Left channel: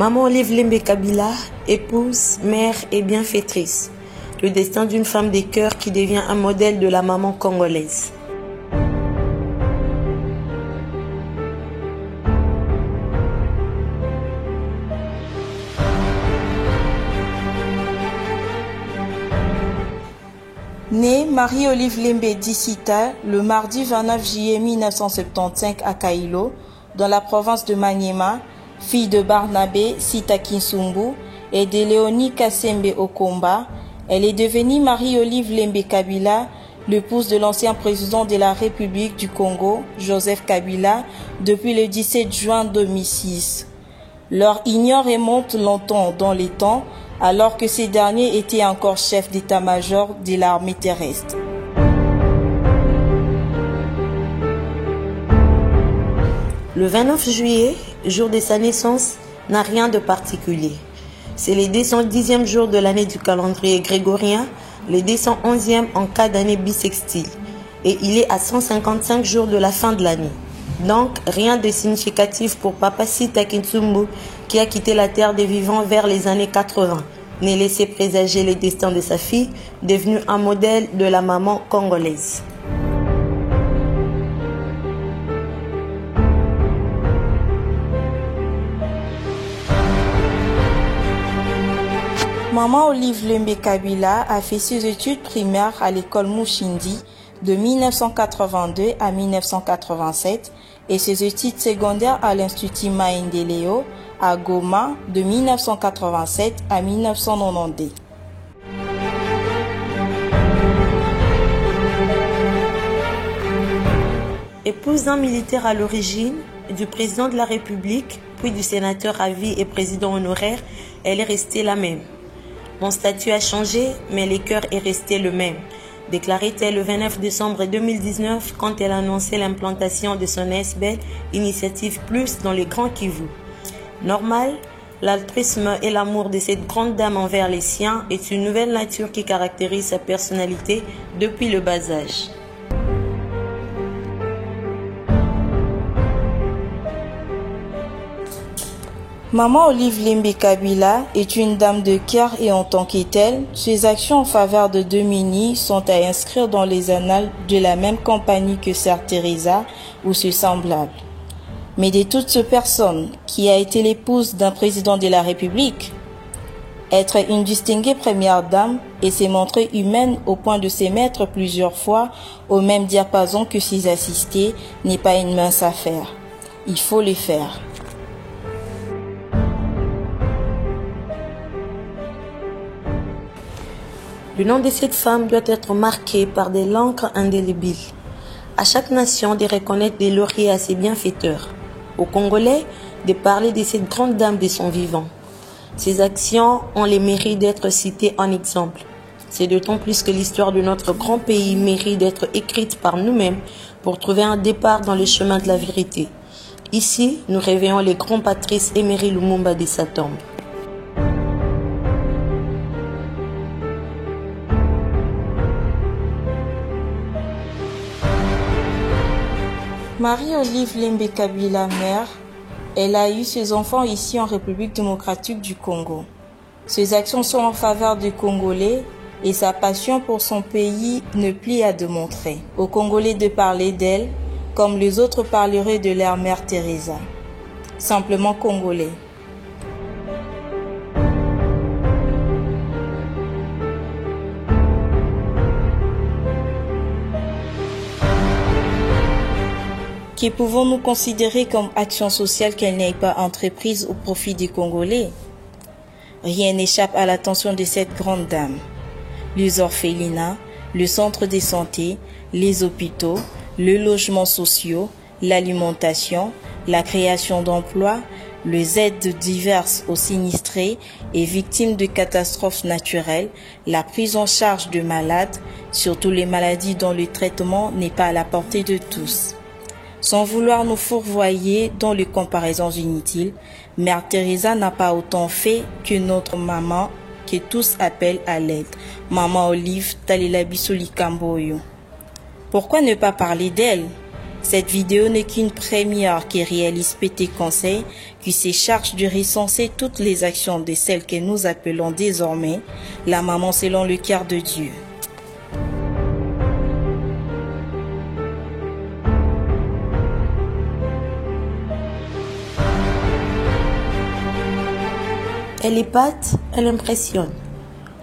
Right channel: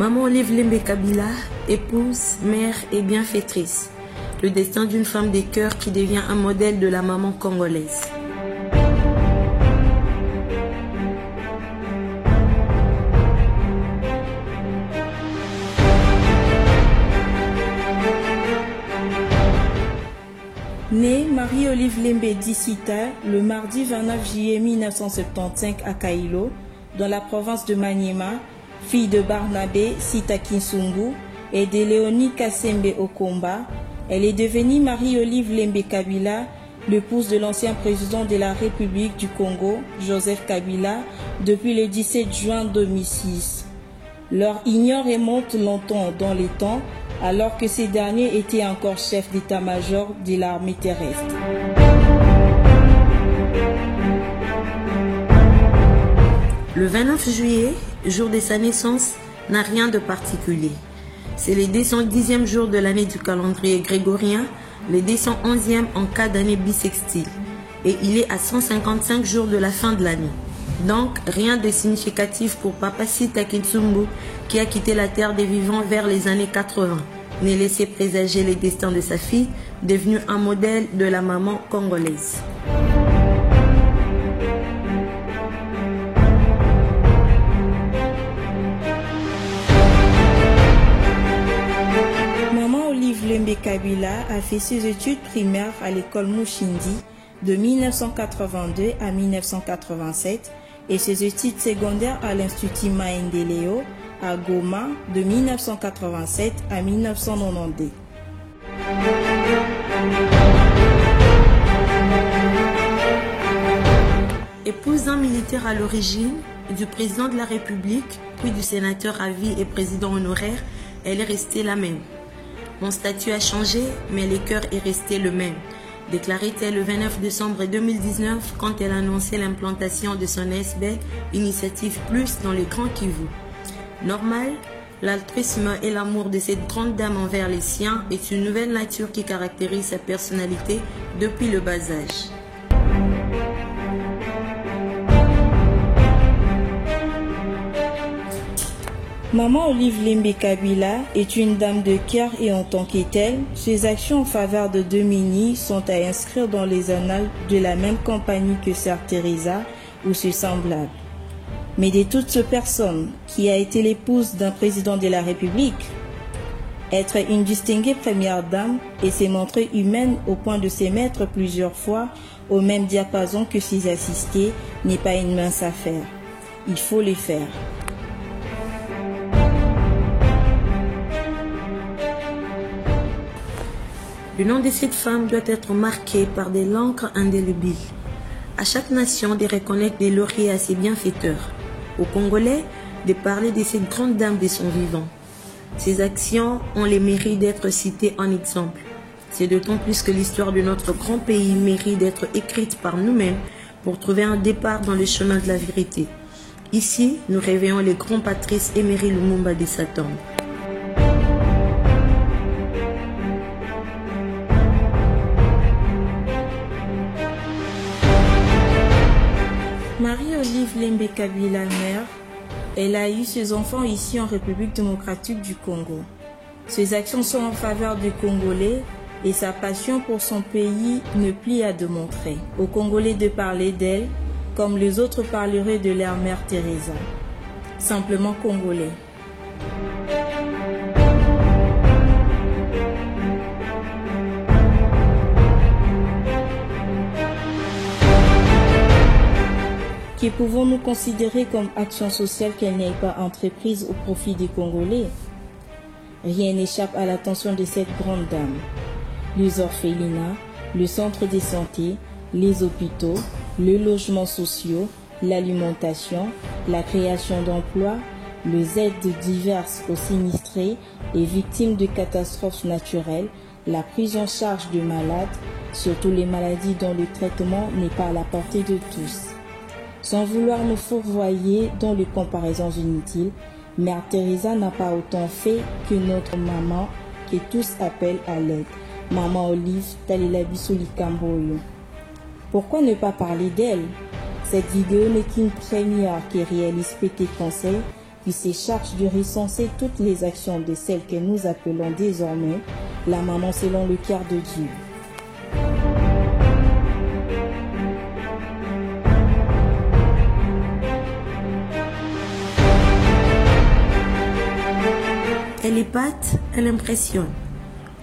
Maman Olive Lembe Kabila, épouse, mère et bienfaitrice. Le destin d'une femme des cœurs qui devient un modèle de la maman congolaise. Née Marie-Olive Lembe Dissita le mardi 29 juillet 1975 à Kailo, dans la province de Maniema, fille de Barnabé Sita Kinsumbu et de Léonie Kassembe Okomba, elle est devenue Marie-Olive Lembe Kabila, l'épouse de l'ancien président de la République du Congo, Joseph Kabila, depuis le 17 juin 2006. Leur union remonte longtemps dans les temps, alors que ces derniers étaient encore chefs d'état-major de l'armée terrestre. Le 29 juillet, jour de sa naissance, n'a rien de particulier. C'est le 210e jour de l'année du calendrier grégorien, le 211e en cas d'année bissextile, et il est à 155 jours de la fin de l'année. Donc, rien de significatif pour Papa Sita Kinsumbu qui a quitté la terre des vivants vers les années 80, ne laissait présager le destin de sa fille, devenue un modèle de la maman congolaise. Maman Olive Lembe Kabila a fait ses études primaires à l'école Mouchindi de 1982 à 1987 et ses études secondaires à l'Institut Maendeleo à Goma de 1987 à 1992. Épouse d'un militaire à l'origine, du président de la République, puis du sénateur à vie et président honoraire, elle est restée la même. Mon statut a changé, mais le cœur est resté le même, déclarait-elle le 29 décembre 2019 quand elle annonçait l'implantation de son SBL Initiative Plus dans les Grands Kivu. Normal, l'altruisme et l'amour de cette grande dame envers les siens est une nouvelle nature qui caractérise sa personnalité depuis le bas âge. Maman Olive Lembe Kabila est une dame de cœur et en tant que telle, ses actions en faveur de Domini sont à inscrire dans les annales de la même compagnie que Sœur Teresa ou ses semblables. Mais de toute cette personne qui a été l'épouse d'un président de la République, être une distinguée première dame et s'est montrée humaine au point de se mettre plusieurs fois au même diapason que ses assistés n'est pas une mince affaire. Il faut le faire. Le nom de cette femme doit être marqué par des l'encre indélébile. À chaque nation de reconnaître des lauriers à ses bienfaiteurs. Aux Congolais, de parler de cette grande dame de son vivant. Ses actions ont le mérite d'être citées en exemple. C'est d'autant plus que l'histoire de notre grand pays mérite d'être écrite par nous-mêmes pour trouver un départ dans le chemin de la vérité. Ici, nous réveillons les grands Patrice Emery Lumumba de sa tombe. Marie-Olive Lembe Kabila, mère, elle a eu ses enfants ici en République démocratique du Congo. Ses actions sont en faveur des Congolais et sa passion pour son pays ne plie à démontrer. Aux Congolais de parler d'elle comme les autres parleraient de leur mère Teresa. Simplement congolais. Que pouvons-nous considérer comme action sociale qu'elle n'ait pas entreprise au profit des Congolais? Rien n'échappe à l'attention de cette grande dame. Les orphelinats, le centre de santé, les hôpitaux, les logements sociaux, l'alimentation, la création d'emplois, les aides diverses aux sinistrés et victimes de catastrophes naturelles, la prise en charge de malades, surtout les maladies dont le traitement n'est pas à la portée de tous. Sans vouloir nous fourvoyer dans les comparaisons inutiles, Mère Teresa n'a pas autant fait que notre maman que tous appellent à l'aide. Maman Olive Talela Bisoli Kamboyo. Pourquoi ne pas parler d'elle? Cette vidéo n'est qu'une première qui réalise Pété Conseil qui se charge de recenser toutes les actions de celles que nous appelons désormais la maman selon le cœur de Dieu. Elle épate, elle impressionne.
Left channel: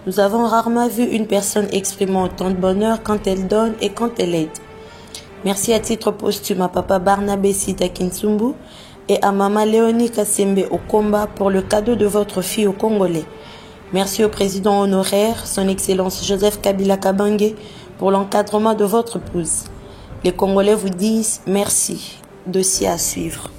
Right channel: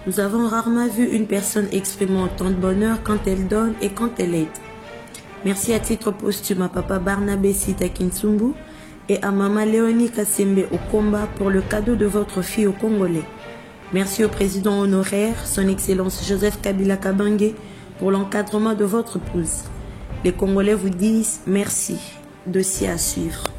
Nous avons rarement vu une personne exprimer autant de bonheur quand elle donne et quand elle aide. Merci à titre posthume à Papa Barnabé Sita Kinsumbu et à Maman Léonie Kassembe Okomba pour le cadeau de votre fille au Congolais. Merci au président honoraire, son Excellence Joseph Kabila Kabange, pour l'encadrement de votre épouse. Les Congolais vous disent merci. Dossier à suivre.